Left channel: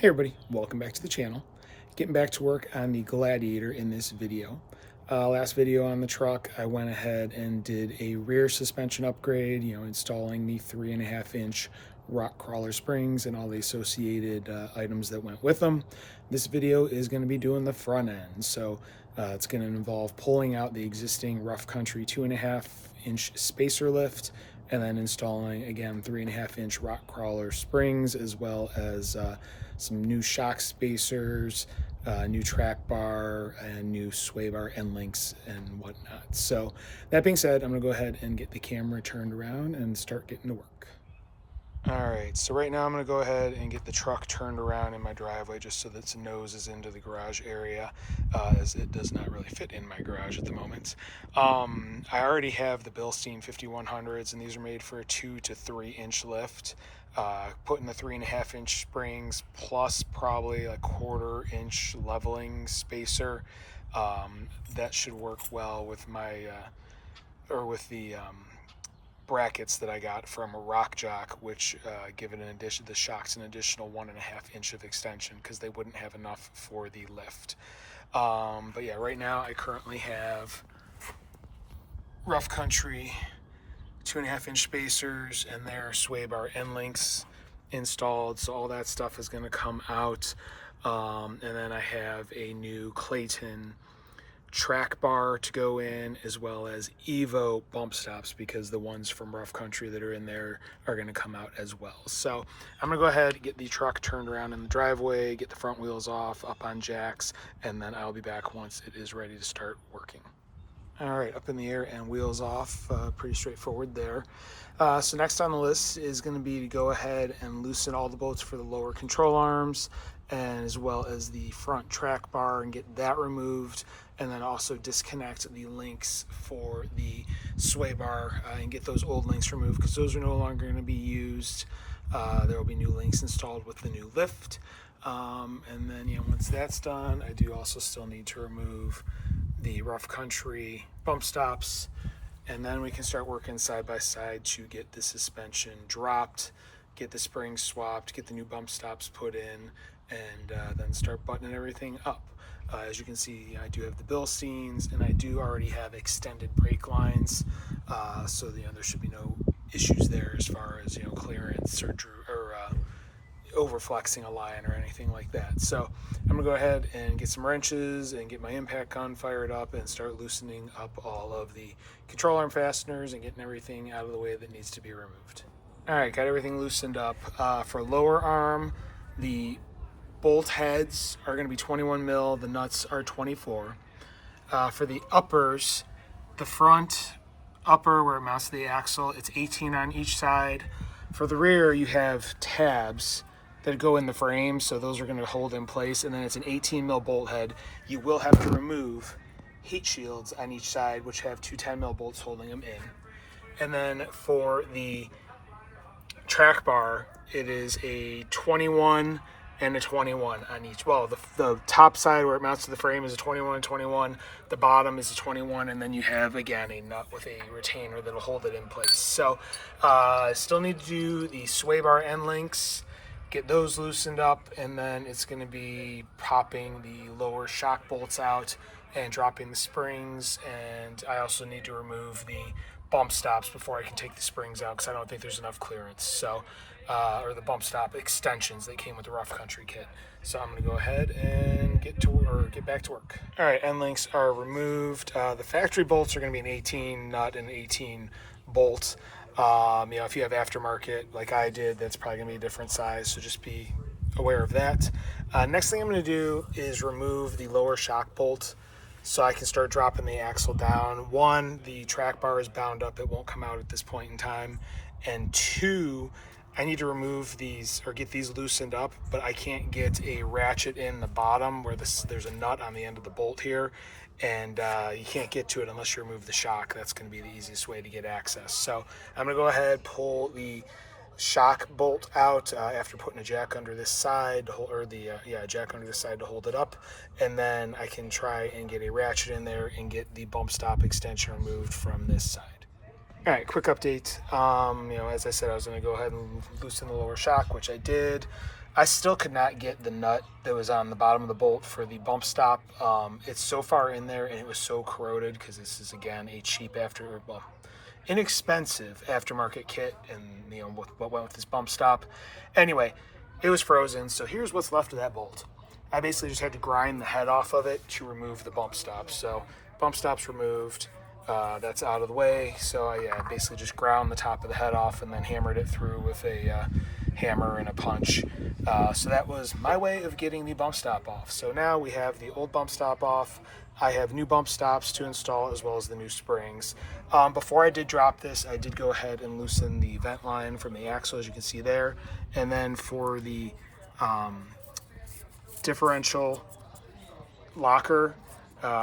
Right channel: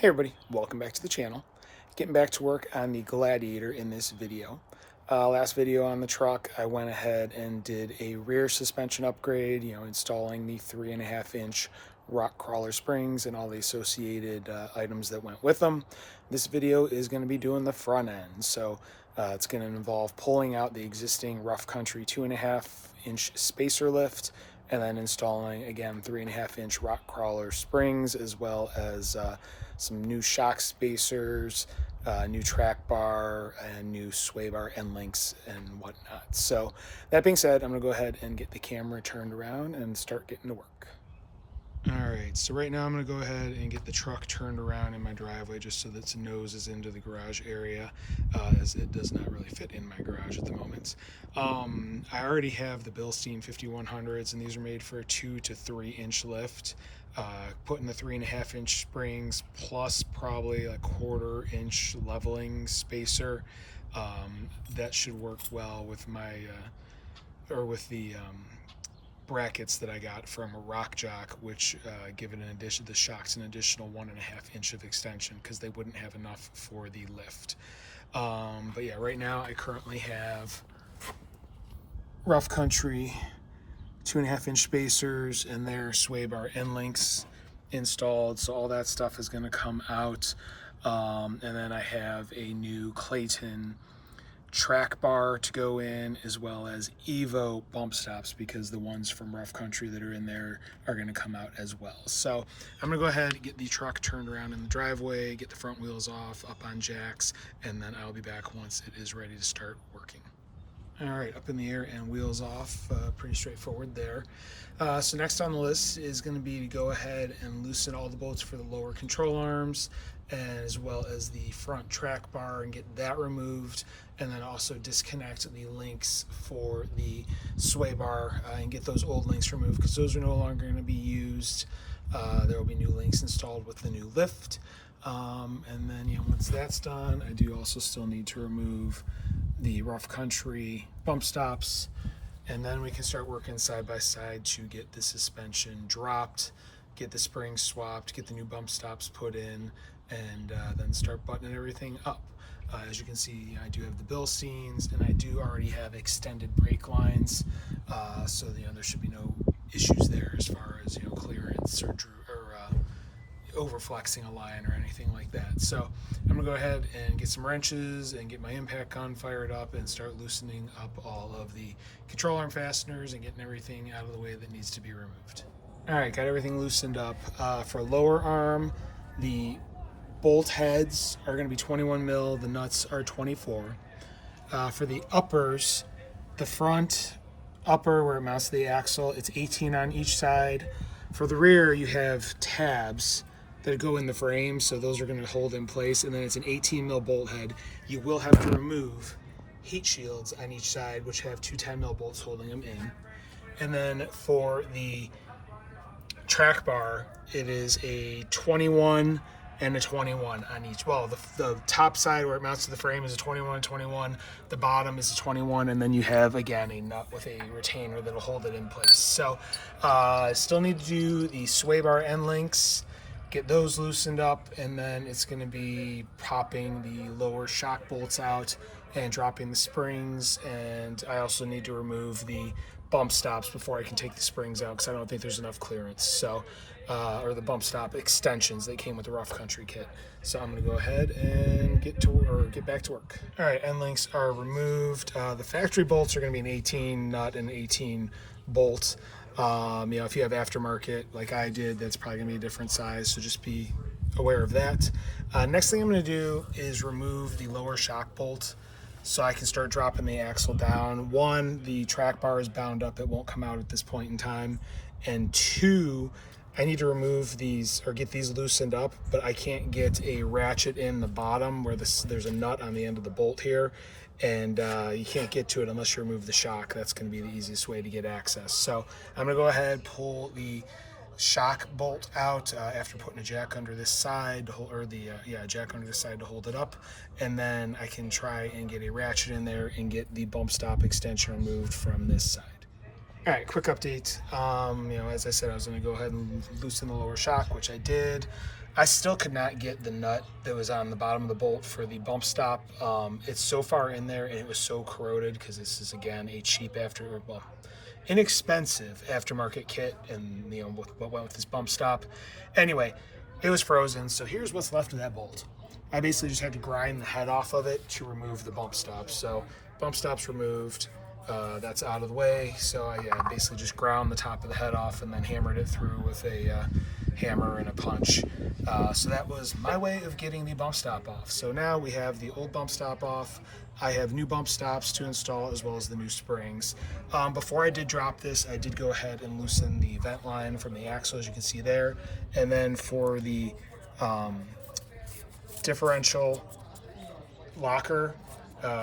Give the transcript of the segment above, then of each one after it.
Hey everybody, welcome back to the channel. Getting back to work on the Gladiator in this video. Last video on the truck, I went ahead and did a rear suspension upgrade, installing the 3.5-inch Rock Krawler springs and all the associated items that went with them. This video is going to be doing the front end, so it's going to involve pulling out the existing Rough Country 2.5-inch spacer lift and then installing, again, 3.5-inch Rock Krawler springs, as well as some new shock spacers, new track bar, and new sway bar end links and whatnot. So that being said, I'm gonna go ahead and get the camera turned around and start getting to work. All right, so right now I'm gonna go ahead and get the truck turned around in my driveway just so that its nose is into the garage area, as it does not really fit in my garage at the moment. I already have the Bilstein 5100s, and these are made for a 2 to 3 inch lift. Putting the 3.5-inch springs plus probably a 1/4 inch leveling spacer, that should work well with my with the brackets that I got from a Rock Jock, which give it the shocks an additional 1.5 inch of extension because they wouldn't have enough for the lift. But yeah, right now I currently have Rough Country 2.5-inch spacers and their sway bar end links installed, so all that stuff is going to come out. And then I have a new Clayton track bar to go in, as well as EVO bump stops, because the ones from Rough Country that are in there are going to come out as well. So I'm going to go ahead and get the truck turned around in the driveway, get the front wheels off up on jacks, and then I'll be back once it is ready to start working. All right, up in the air and wheels off, pretty straightforward there. So next on the list is going to be to go ahead and loosen all the bolts for the lower control arms, and as well as the front track bar, and get that removed, and then also disconnect the links for the sway bar and get those old links removed because those are no longer going to be used. There will be new links installed with the new lift. And then once that's done, I do also still need to remove the Rough Country bump stops, and then we can start working side by side to get the suspension dropped, get the springs swapped, get the new bump stops put in, and then start buttoning everything up. As you can see, I do have the Bilsteins, and I do already have extended brake lines, so there should be no issues there as far as clearance or overflexing a line or anything like that. So I'm gonna go ahead and get some wrenches and get my impact gun fired up and start loosening up all of the control arm fasteners and getting everything out of the way that needs to be removed. All right, got everything loosened up. For lower arm, the bolt heads are going to be 21 mil, the nuts are 24. For the uppers, the front upper where it mounts to the axle, it's 18 on each side. For the rear, you have tabs that go in the frame, so those are going to hold in place, and then it's an 18 mil bolt head. You will have to remove heat shields on each side, which have two 10 mil bolts holding them in. And then for the track bar, it is a 21 and a 21 on each. Well, the top side where it mounts to the frame is a 21 and 21. The bottom is a 21, and then you have, again, a nut with a retainer that'll hold it in place. So still need to do the sway bar end links, get those loosened up, and then it's going to be popping the lower shock bolts out and dropping the springs. And I also need to remove the bump stops before I can take the springs out because I don't think there's enough clearance. So or the bump stop extensions that came with the Rough Country kit. So I'm going to go ahead and get back to work. All right, end links are removed. The factory bolts are going to be an 18 nut and 18 bolt. If you have aftermarket like I did, that's probably going to be a different size, so just be aware of that. Next thing I'm going to do is remove the lower shock bolt so I can start dropping the axle down. One, the track bar is bound up, it won't come out at this point in time. And two, I need to remove these or get these loosened up, but I can't get a ratchet in the bottom where there's a nut on the end of the bolt here, and you can't get to it unless you remove the shock. That's going to be the easiest way to get access. So I'm going to go ahead, pull the shock bolt out after putting a jack under this side to hold, jack under this side to hold it up, and then I can try and get a ratchet in there and get the bump stop extension removed from this side. All right, quick update. As I said, I was going to go ahead and loosen the lower shock, which I did. I still could not get the nut that was on the bottom of the bolt for the bump stop. It's so far in there, and it was so corroded because this is, again, a cheap inexpensive aftermarket kit, and what went with this bump stop. Anyway, it was frozen, so here's what's left of that bolt. I basically just had to grind the head off of it to remove the bump stop. So bump stop's removed. That's out of the way. So I basically just ground the top of the head off and then hammered it through with a hammer and a punch. So that was my way of getting the bump stop off. So now we have the old bump stop off. I have new bump stops to install as well as the new springs. Before I did drop this, I did go ahead and loosen the vent line from the axle, as you can see there. And then for the differential locker,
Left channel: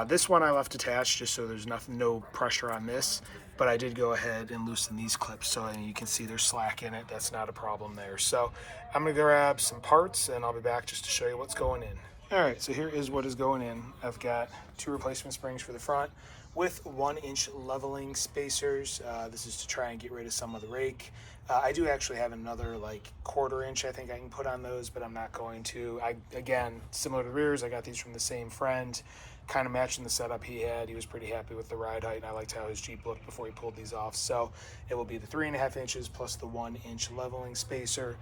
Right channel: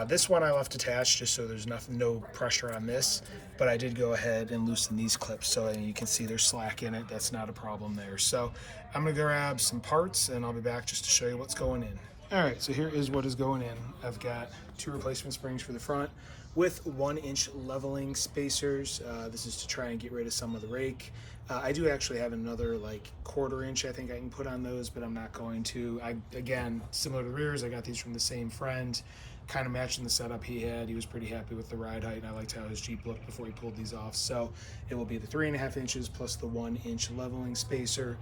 this one I left attached just so there's no pressure on this, but I did go ahead and loosen these clips so you can see there's slack in it. That's not a problem there. So I'm gonna grab some parts and I'll be back just to show you what's going in. All right, so here is what is going in. I've got 2 replacement springs for the front with 1-inch leveling spacers. This is to try and get rid of some of the rake. I do actually have another like 1/4 inch I think I can put on those, but I'm not going to. Again, similar to the rears, I got these from the same friend, kind of matching the setup he had. He was pretty happy with the ride height, and I liked how his Jeep looked before he pulled these off. So it will be the 3.5 inches plus the 1-inch leveling spacer.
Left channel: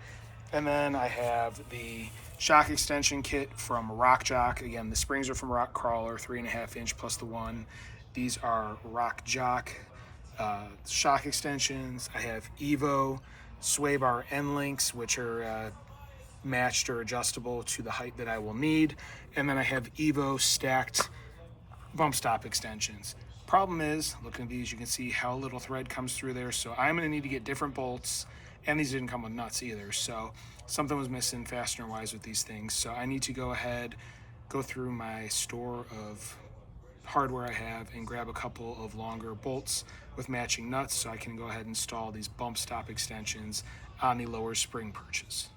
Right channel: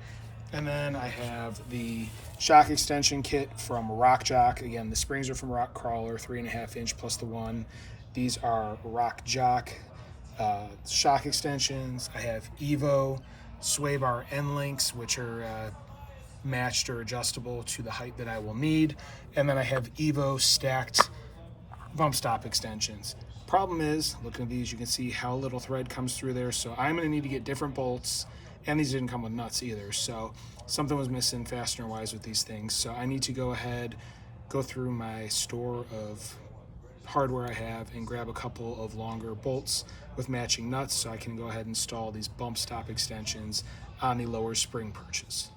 And then I have the shock extension kit from Rock Jock. Again, the springs are from Rock Krawler, 3.5 inch plus the 1. These are Rock Jock shock extensions. I have EVO sway bar end links, which are matched or adjustable to the height that I will need. And then I have EVO stacked bump stop extensions. Problem is, looking at these, you can see how little thread comes through there. So I'm gonna need to get different bolts, and these didn't come with nuts either. So something was missing fastener wise with these things. So I need to go ahead, go through my store of hardware I have and grab a couple of longer bolts with matching nuts so I can go ahead and install these bump stop extensions on the lower spring perches.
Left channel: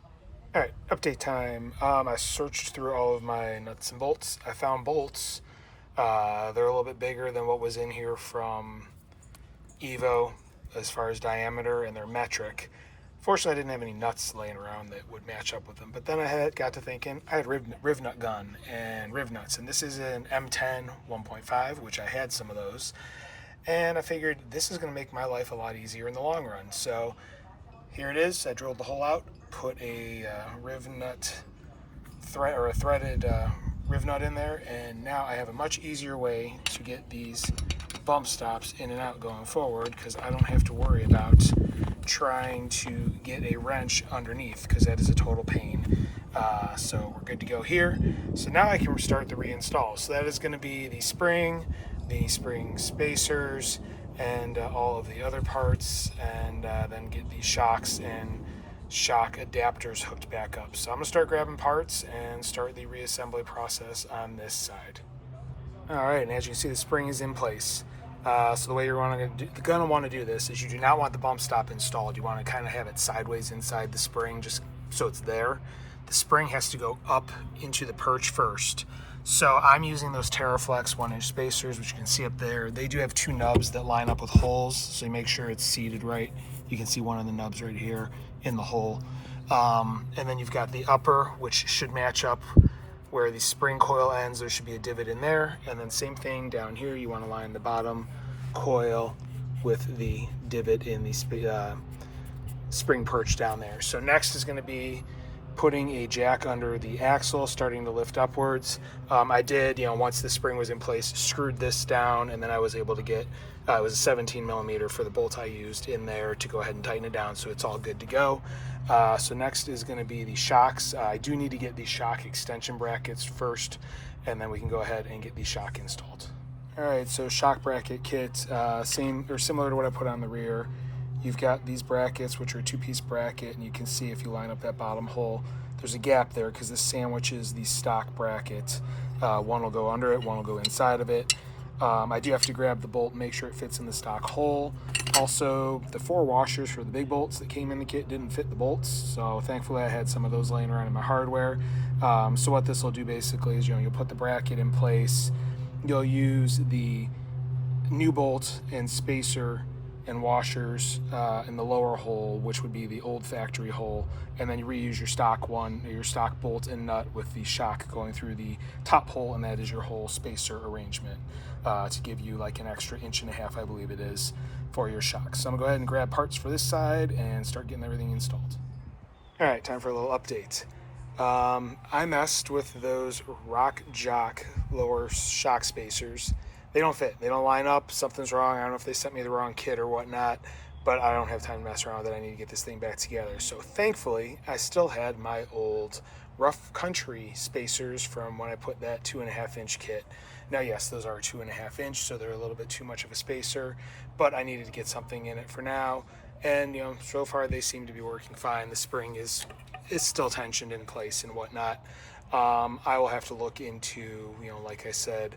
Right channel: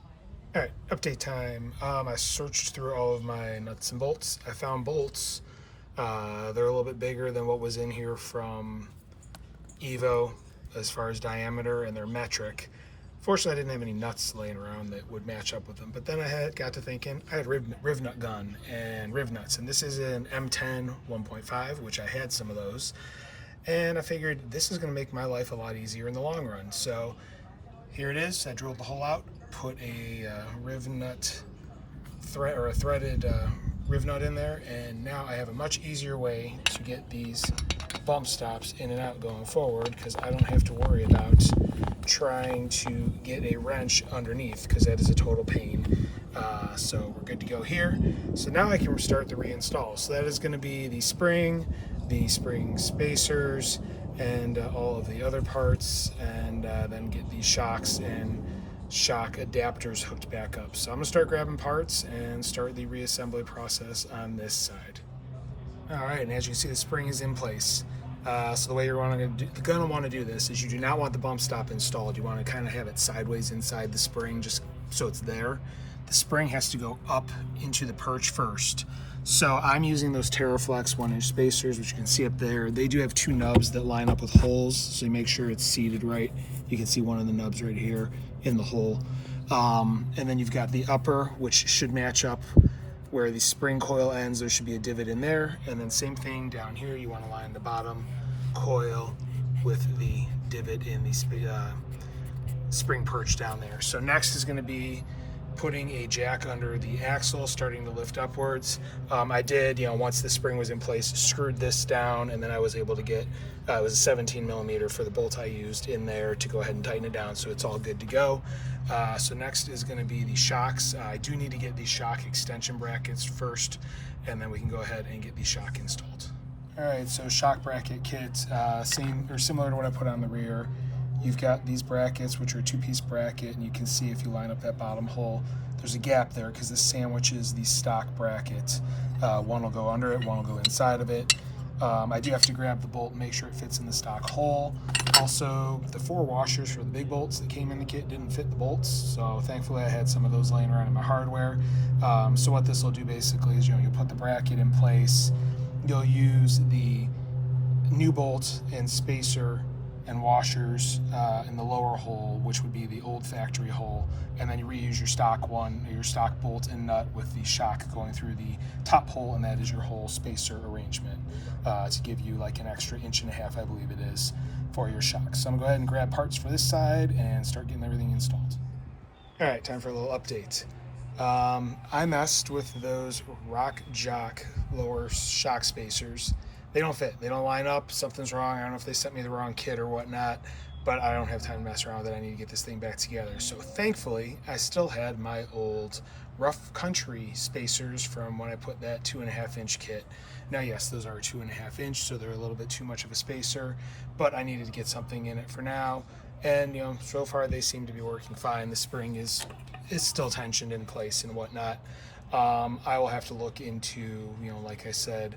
All right, update time. I searched through all of my nuts and bolts. I found bolts. They're a little bit bigger than what was in here from EVO as far as diameter, and they're metric. Fortunately, I didn't have any nuts laying around that would match up with them. But then I got to thinking, I had riv nut gun and riv nuts, and this is an M10 1.5, which I had some of those. And I figured this is going to make my life a lot easier in the long run. So here it is. I drilled the hole out, put a riv nut a threaded riv nut in there, and now I have a much easier way to get these bump stops in and out going forward, because I don't have to worry about trying to get a wrench underneath, because that is a total pain. So we're good to go here. So now I can start the reinstall. So that is going to be the spring spacers, and all of the other parts, and then get these shocks and shock adapters hooked back up. So I'm gonna start grabbing parts and start the reassembly process on this side. All right, and as you can see, the spring is in place. So the way you're gonna want to do this is you do not want the bump stop installed. You want to kind of have it sideways inside the spring, just so it's there. The spring has to go up into the perch first. So I'm using those TerraFlex 1-inch spacers, which you can see up there. They do have 2 nubs that line up with holes, so you make sure it's seated right. You can see one of the nubs right here in the hole. And then you've got the upper, which should match up where the spring coil ends. There should be a divot in there. And then same thing down here, you want to line the bottom coil with the divot in the spring perch down there. So next is going to be putting a jack under the axle, starting to lift upwards. I did, once the spring was in place, screwed this down, and then I was able to get, it was a 17 millimeter for the bolt I used in there to go ahead and tighten it down, so it's all good to go. So next is going to be the shocks. I do need to get the shock extension brackets first, and then we can go ahead and get the shock installed. All right, so shock bracket kit, same or similar to what I put on the rear. You've got these brackets, which are a 2-piece bracket, and you can see if you line up that bottom hole, there's a gap there because this sandwiches the stock bracket. One will go under it, one will go inside of it. I do have to grab the bolt and make sure it fits in the stock hole. Also, the 4 washers for the big bolts that came in the kit didn't fit the bolts, so thankfully I had some of those laying around in my hardware. So what this will do basically is, you'll put the bracket in place, you'll use the new bolt and spacer and washers in the lower hole, which would be the old factory hole, and then you reuse your stock one, your stock bolt and nut with the shock going through the top hole, and that is your hole spacer arrangement to give you like an extra 1.5 inches, I believe it is, for your shock. So I'm gonna go ahead and grab parts for this side and start getting everything installed. All right, time for a little update. I messed with those Rock Jock lower shock spacers. They don't fit. They don't line up. Something's wrong. I don't know if they sent me the wrong kit or whatnot, but I don't have time to mess around with it. I need to get this thing back together. So thankfully, I still had my old Rough Country spacers from when I put that 2.5-inch kit. Now, yes, those are 2.5-inch, so they're a little bit too much of a spacer, but I needed to get something in it for now. And so far they seem to be working fine. The spring is still tensioned in place and whatnot. I will have to look into, like I said,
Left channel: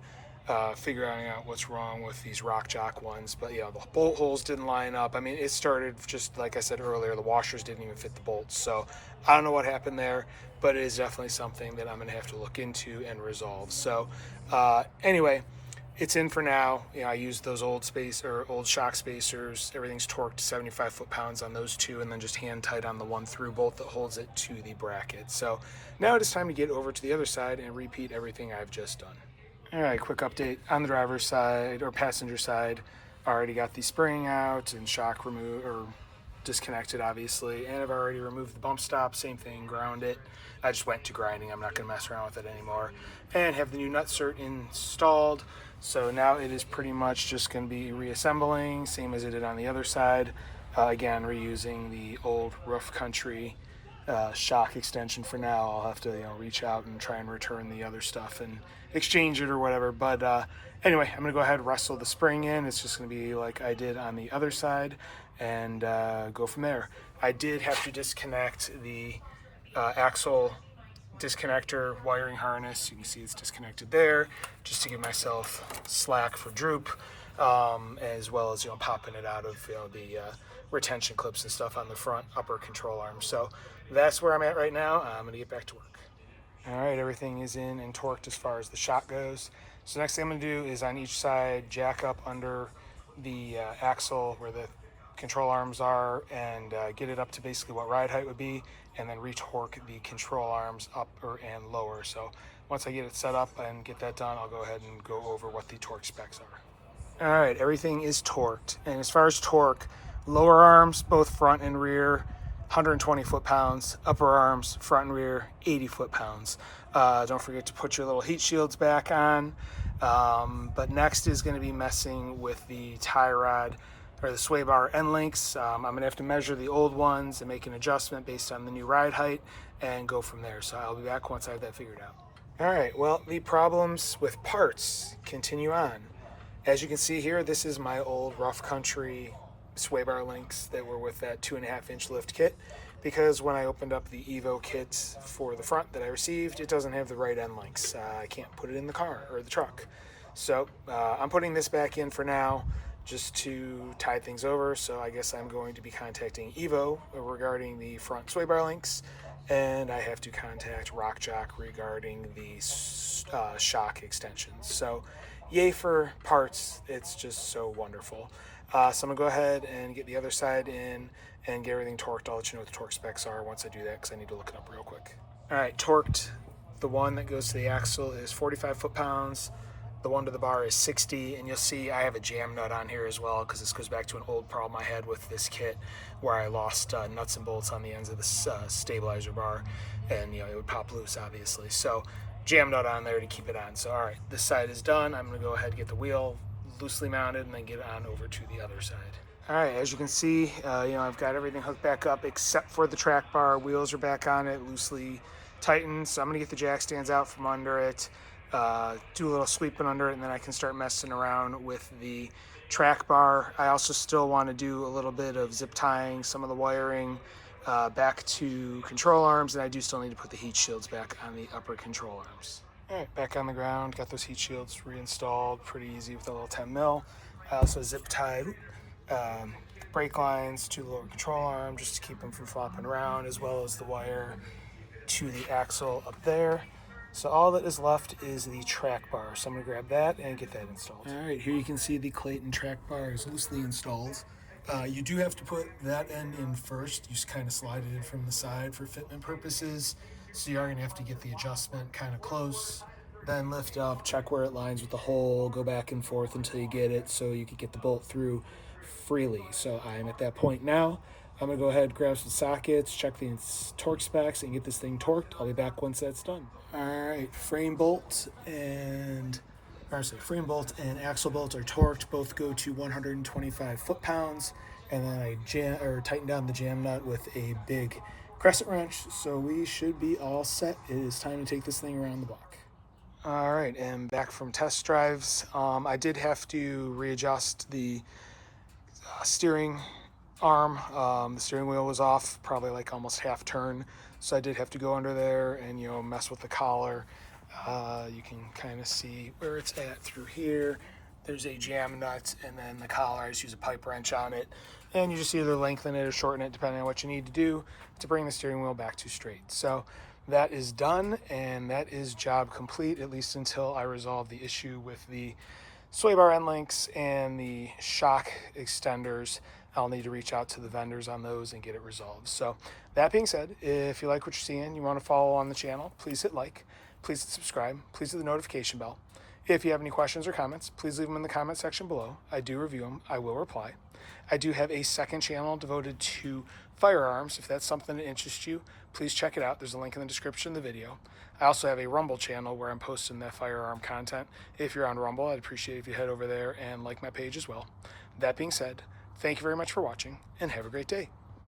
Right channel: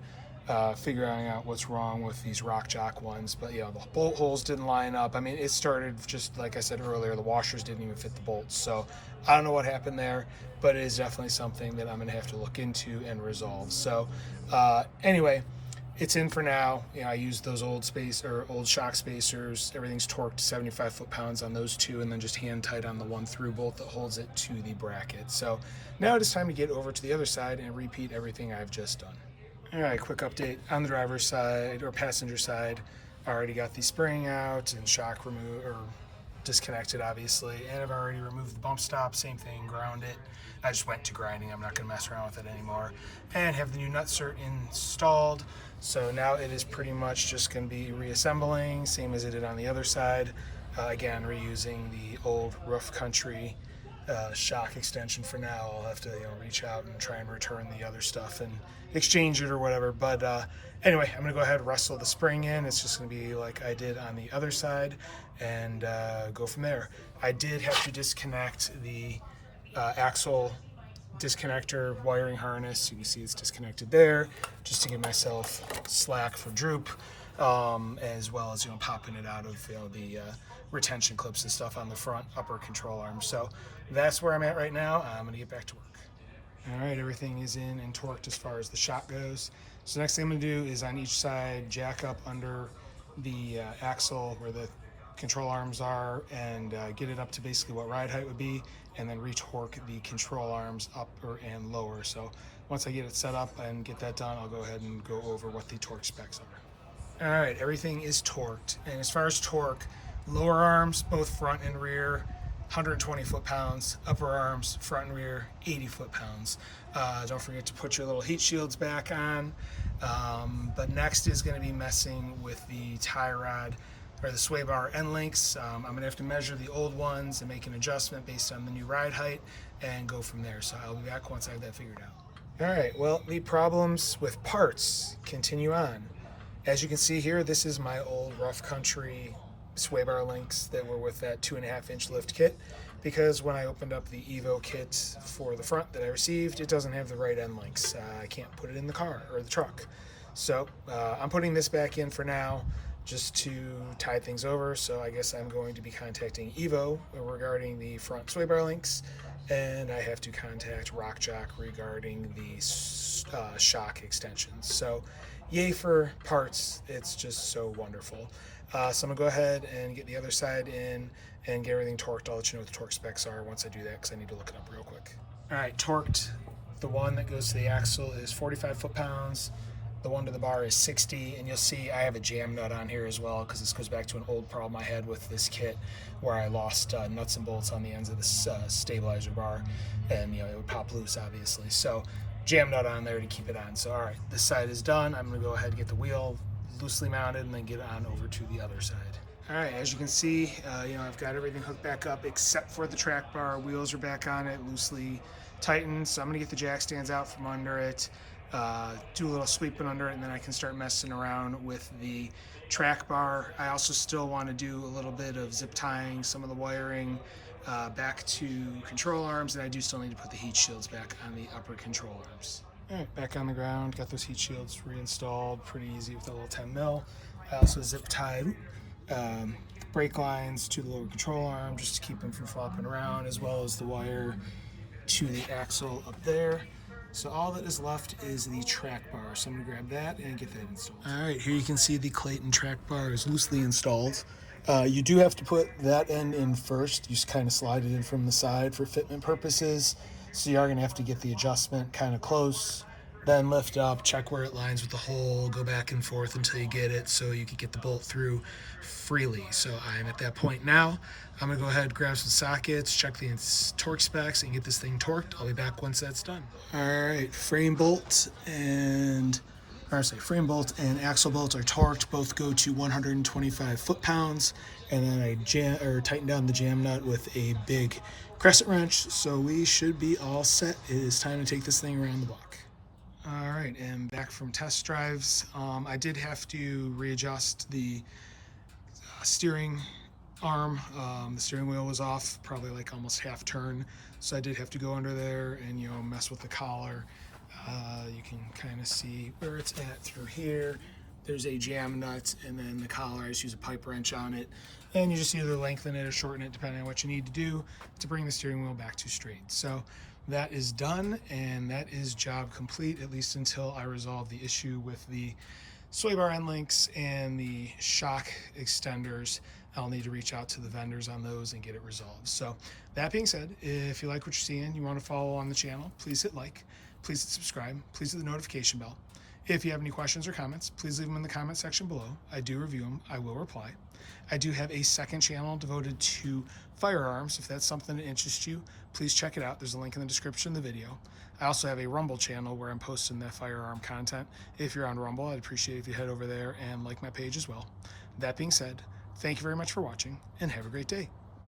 figuring out what's wrong with these Rock Jock ones. But the bolt holes didn't line up. I mean, it started just like I said earlier, the washers didn't even fit the bolts. So I don't know what happened there, but it is definitely something that I'm gonna have to look into and resolve. So anyway, it's in for now. I used those old shock spacers. Everything's torqued to 75 foot-pounds on those two, and then just hand tight on the one through bolt that holds it to the bracket. So now it is time to get over to the other side and repeat everything I've just done. All right, quick update on the driver's side or passenger side. I already got the spring out and shock removed or disconnected, obviously, and I've already removed the bump stop. Same thing, ground it. I just went to grinding. I'm not going to mess around with it anymore. And have the new nut cert installed. So now it is pretty much just going to be reassembling, same as it did on the other side. Again, reusing the old Rough Country shock extension for now. I'll have to reach out and try and return the other stuff and exchange it or whatever. But anyway, I'm going to go ahead and wrestle the spring in. It's just going to be like I did on the other side and go from there. I did have to disconnect the axle disconnector wiring harness. You can see it's disconnected there, just to give myself slack for droop, as well as popping it out of the retention clips and stuff on the front upper control arm. So that's where I'm at right now. I'm gonna get back to work. All right, everything is in and torqued as far as the shock goes. So next thing I'm gonna do is on each side jack up under the axle where the control arms are and get it up to basically what ride height would be, and then retorque the control arms up and lower. So once I get it set up and get that done, I'll go ahead and go over what the torque specs are. All right, everything is torqued. And as far as torque, lower arms, both front and rear, 120 foot-pounds. Upper arms, front and rear, 80 foot-pounds. Don't forget to put your little heat shields back on. But next is going to be messing with the tie rod or the sway bar end links. I'm gonna have to measure the old ones and make an adjustment based on the new ride height and go from there. So I'll be back once I have that figured out. All right, well, the problems with parts continue on. As you can see here, this is my old Rough Country sway bar links that were with that 2.5-inch lift kit, because when I opened up the EVO kit for the front that I received, it doesn't have the right end links. I can't put it in the car or the truck. So I'm putting this back in for now, just to tide things over. So I guess I'm going to be contacting EVO regarding the front sway bar links, and I have to contact Rock Jock regarding the shock extensions. So yay for parts. It's just so wonderful. So I'm gonna go ahead and get the other side in and get everything torqued. I'll let you know what the torque specs are once I do that, because I need to look it up real quick. All right, torqued. The one that goes to the axle is 45 foot-pounds. The one to the bar is 60, and you'll see I have a jam nut on here as well, because this goes back to an old problem I had with this kit where I lost nuts and bolts on the ends of the stabilizer bar, and it would pop loose, obviously. So jam nut on there to keep it on. So all right, this side is done. I'm gonna go ahead and get the wheel loosely mounted and then get on over to the other side. All right, as you can see, I've got everything hooked back up except for the track bar. Wheels are back on it, loosely tightened. So I'm gonna get the jack stands out from under it, do a little sweeping under it, and then I can start messing around with the track bar. I also still want to do a little bit of zip tying some of the wiring back to control arms, and I do still need to put the heat shields back on the upper control arms. All right, back on the ground, got those heat shields reinstalled, pretty easy with a little 10 mil. I also zip tied brake lines to the lower control arm just to keep them from flopping around, as well as the wire to the axle up there. So all that is left is the track bar. So I'm gonna grab that and get that installed. All right, here you can see the Clayton track bar is loosely installed. You do have to put that end in first. You just kind of slide it in from the side for fitment purposes. So you are going to have to get the adjustment kind of close, then lift up, check where it lines with the hole, go back and forth until you get it so you can get the bolt through freely. So I'm at that point now. I'm going to go ahead, grab some sockets, check the torque specs, and get this thing torqued. I'll be back once that's done. All right, frame bolt and axle bolts are torqued. Both go to 125 foot-pounds, and then I tighten down the jam nut with a big crescent wrench. So we should be all set. It is time to take this thing around the block. All right, and back from test drives. I did have to readjust the steering arm. The steering wheel was off, probably like almost half turn, so I did have to go under there and mess with the collar. You can kind of see where it's at through here. There's a jam nut, and then the collar, I just use a pipe wrench on it, and you just either lengthen it or shorten it depending on what you need to do to bring the steering wheel back to straight. So that is done, and that is job complete, at least until I resolve the issue with the sway bar end links and the shock extenders. I'll need to reach out to the vendors on those and get it resolved. So that being said, if you like what you're seeing, you want to follow on the channel, please hit like, please hit subscribe, please hit the notification bell. If you have any questions or comments, please leave them in the comment section below. I do review them. I will reply. I do have a second channel devoted to firearms. If that's something that interests you, please check it out. There's a link in the description of the video. I also have a Rumble channel where I'm posting that firearm content. If you're on Rumble, I'd appreciate if you head over there and like my page as well. That being said, thank you very much for watching, and have a great day.